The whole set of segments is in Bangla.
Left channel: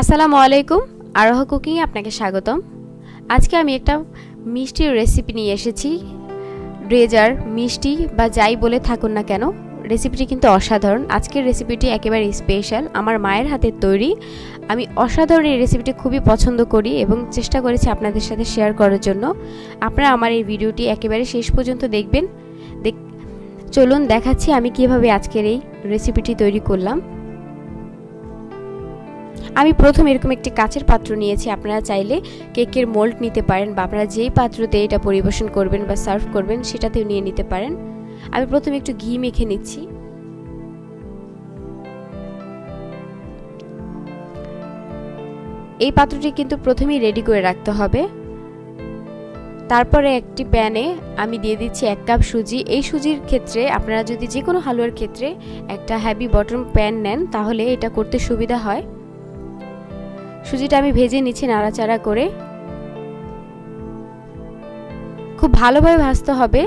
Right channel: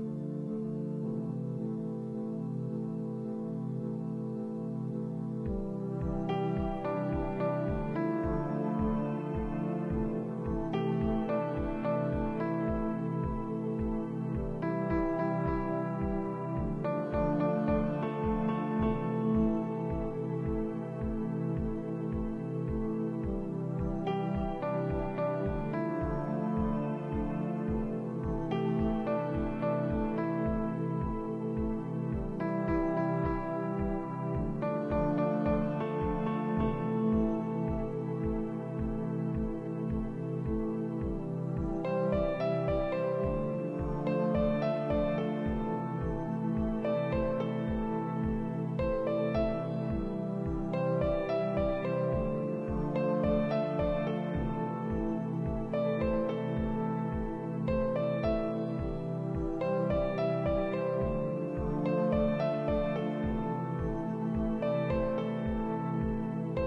আসসালামু আলাইকুম, আরোহ কুকিং এ আপনাকে স্বাগতম। আজকে আমি একটা মিষ্টির রেসিপি নিয়ে এসেছি। ডেজার্ট, মিষ্টি বা যাই বলে থাকুন না কেন, রেসিপিটি কিন্তু অসাধারণ। আজকের রেসিপিটি একেবারে স্পেশাল, আমার মায়ের হাতের তৈরি। আমি অসাধারণ এই রেসিপিটি খুবই পছন্দ করি এবং চেষ্টা করেছি আপনাদের সাথে শেয়ার করার জন্য। আপনারা আমার এই ভিডিওটি একেবারে শেষ পর্যন্ত দেখবেন। চলুন দেখাচ্ছি আমি কিভাবে আজকের এই রেসিপিটি তৈরি করলাম। আমি প্রথমে এরকম একটি কাচের পাত্র নিয়েছি। আপনারা চাইলে কেকের মোল্ড নিতে পারেন বা আপনারা যেই পাত্রতে এটা পরিবেশন করবেন বা সার্ভ করবেন সেটাতেও নিয়ে নিতে পারেন। আমি প্রথমে একটু ঘি মেখে নিচ্ছি। এই পাত্রটি কিন্তু প্রথমেই রেডি করে রাখতে হবে। তারপরে একটি প্যানে আমি দিয়ে দিচ্ছি 1 কাপ সুজি। এই সুজির ক্ষেত্রে আপনারা যদি যে কোনো হালুয়ার ক্ষেত্রে একটা হেভি বটম প্যান নেন তাহলে এটা করতে সুবিধা হয়। সুজিটা আমি ভেজে নিচ্ছি নাড়াচাড়া করে। খুব ভালোভাবে ভাজতে হবে।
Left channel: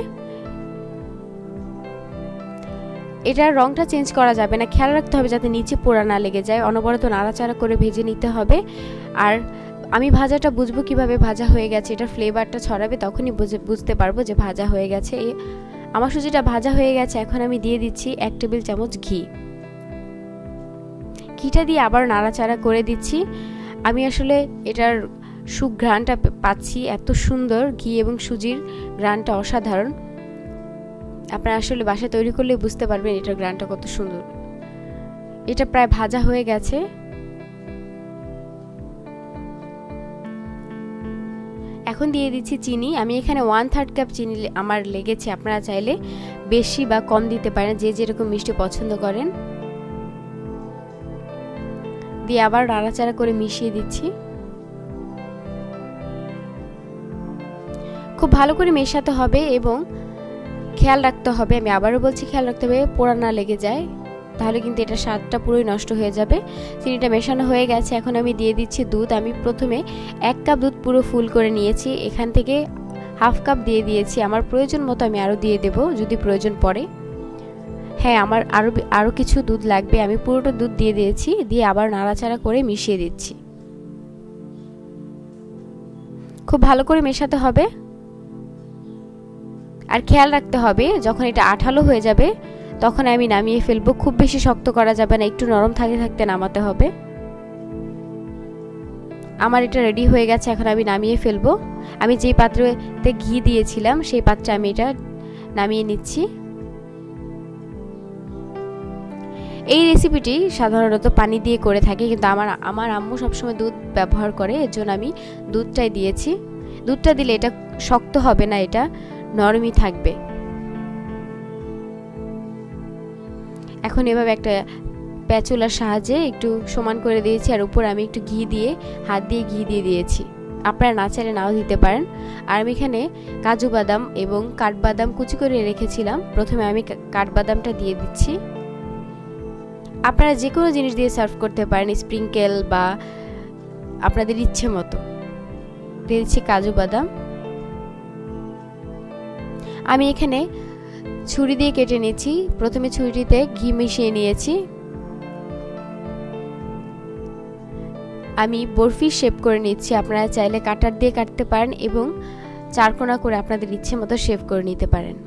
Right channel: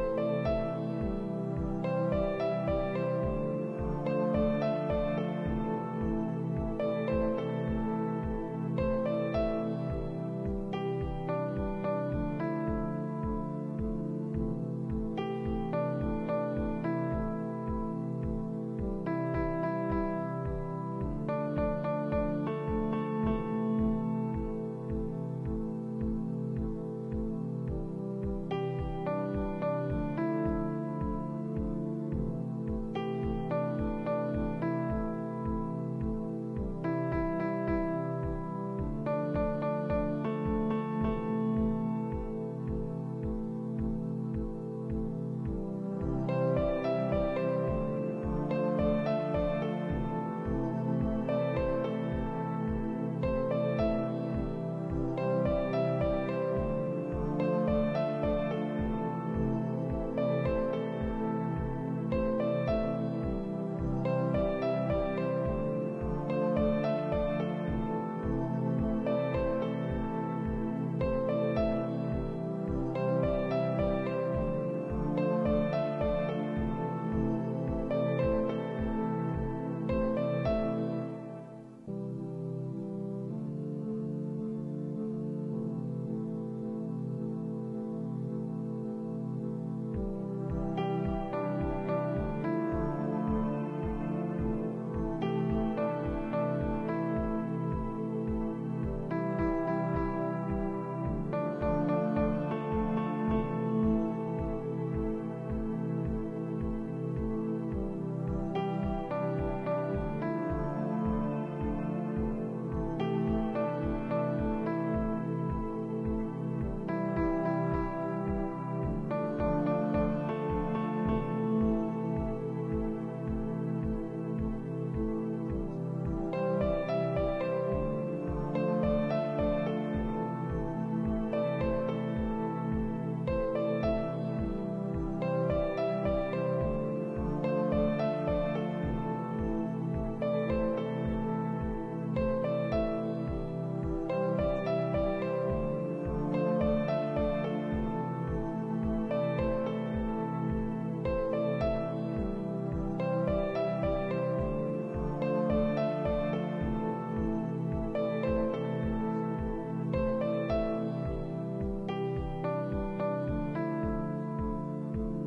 এটার রংটা চেঞ্জ করা যাবে না, খেয়াল রাখতে হবে যাতে নিচে পোড়া না লেগে যায়। অনবরত নাড়াচাড়া করে ভেজে নিতে হবে। আর আমি ভাজাটা বুঝবো কিভাবে ভাজা হয়ে গেছে, এটার ফ্লেভারটা ছড়াবে, তখনই বুঝতে পারবো যে ভাজা হয়ে গেছে। আমার সুজিটা ভাজা হয়ে গেছে। এখন আমি দিয়ে দিচ্ছি 1 টেবিল চামচ ঘি। ঘিটা দিয়ে আবার নাড়াচাড়া করে দিচ্ছি। আমি আসলে এটার সুঘ্রাণটা পাচ্ছি, এত সুন্দর ঘি এবং সুজির ঘ্রাণটা অসাধারণ। আপনারা আসলে বাসায় তৈরি করলে বুঝতে পারবেন এটার ঘ্রাণটা কত সুন্দর। এটা প্রায় ভাজা হয়ে গেছে। এখন দিয়ে দিচ্ছি চিনি। আমি এখানে 1/3 কাপ চিনি আমার লেগেছে। আপনারা চাইলে বেশি বা কম দিতে পারেন, যে যেরকম মিষ্টি পছন্দ করেন। দিয়ে আবার নাড়াচাড়া করে মিশিয়ে দিচ্ছি। খুব ভালো করে মেশাতে হবে এবং খেয়াল রাখতে হবে, আমি আবারও বলছি খেয়াল রাখতে হবে পোড়া না লেগে যায়, তাহলে কিন্তু এটা স্বাদটা পুরোই নষ্ট হয়ে যাবে। চিনিটা মেশানো হয়ে গেছে। এখন আমি দিয়ে দিচ্ছি দুধ। আমি প্রথমে 1 কাপ দুধ পুরো ফুল করে নিয়েছি, এখান থেকে 1/2 কাপ দিয়ে দিয়েছি। আমার প্রয়োজন মতো আমি আরও দিয়ে দেব যদি প্রয়োজন পড়ে। হ্যাঁ, আমার আরও কিছু দুধ লাগবে। আমি পুরোটা দুধ দিয়ে দিয়েছি। দিয়ে আবার নাড়াচাড়া করে মিশিয়ে দিচ্ছি। খুব ভালো করে মেশাতে হবে। আর খেয়াল রাখতে হবে যখন এটা আঠালো হয়ে যাবে তখন আমি নামিয়ে ফেলবো। খুব বেশি শক্ত করা যাবে না, একটু নরম থাকতে থাকতে নামাতে হবে। আমার এটা রেডি হয়ে গেছে। এখন আমি নামিয়ে ফেলবো। আমি যে পাত্রতে ঘি দিয়েছিলাম সেই পাত্রে আমি এটা নামিয়ে নিচ্ছি। এই রেসিপিটি সাধারণত পানি দিয়ে করে থাকি, কিন্তু আমার আম্মু সবসময় দুধ ব্যবহার করে, এর জন্য আমি দুধটাই দিয়েছি। দুধটা দিলে এটা শক্ত হবে না, এটা নরমই থাকবে। এখন এভাবে একটা প্যাচুলার সাহায্যে একটু সমান করে দিয়েছি, আর উপর আমি একটু ঘি দিয়ে হাত দিয়ে ঘি দিয়ে দিয়েছি। আপনারা না চাইলে নাও দিতে পারেন। আর আমি এখানে কাজু বাদাম এবং কাঠবাদাম কুচি করে রেখেছিলাম। প্রথমে আমি কাঠবাদামটা দিয়ে দিচ্ছি। আপনারা যে কোনো জিনিস দিয়ে সার্ভ করতে পারেন, স্প্রিংকেল বা আপনাদের ইচ্ছে মতো। দিয়ে দিচ্ছি কাজু বাদাম। আমি এখানে ছুরি দিয়ে কেটে নিয়েছি। প্রথমে ছুরিতে ঘি মিশিয়ে নিয়েছি। আমি বরফি শেপ করে নিচ্ছি। আপনারা চাইলে কাটার দিয়ে কাটতে পারেন এবং চারকোনা করে আপনাদের ইচ্ছে মতো শেপ করে নিতে পারেন।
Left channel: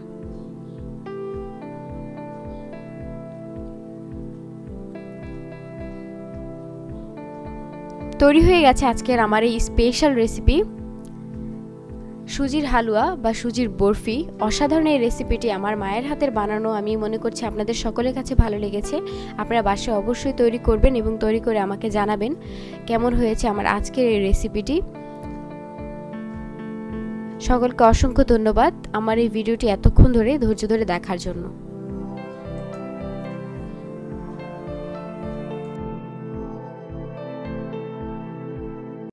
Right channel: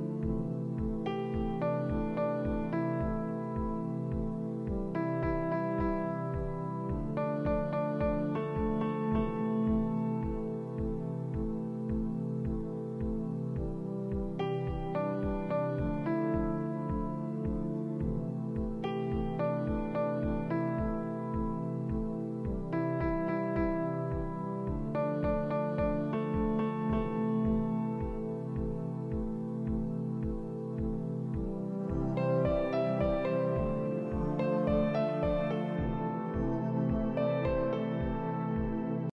তৈরি হয়ে গেছে আজকের আমার এই স্পেশাল রেসিপি, সুজির হালুয়া বা সুজির বরফি। অসাধারণ এই রেসিপিটি আমার মায়ের হাতের বানানো। আমি মনে করছি আপনাদের সকলের কাছে ভালো লেগেছে। আপনারা বাসায় অবশ্যই তৈরি করবেন এবং তৈরি করে আমাকে জানাবেন কেমন হয়েছে আমার আজকের এই রেসিপিটি। সকলকে অসংখ্য ধন্যবাদ আমার এই ভিডিওটি এতক্ষণ ধরে ধৈর্য ধরে দেখার জন্য।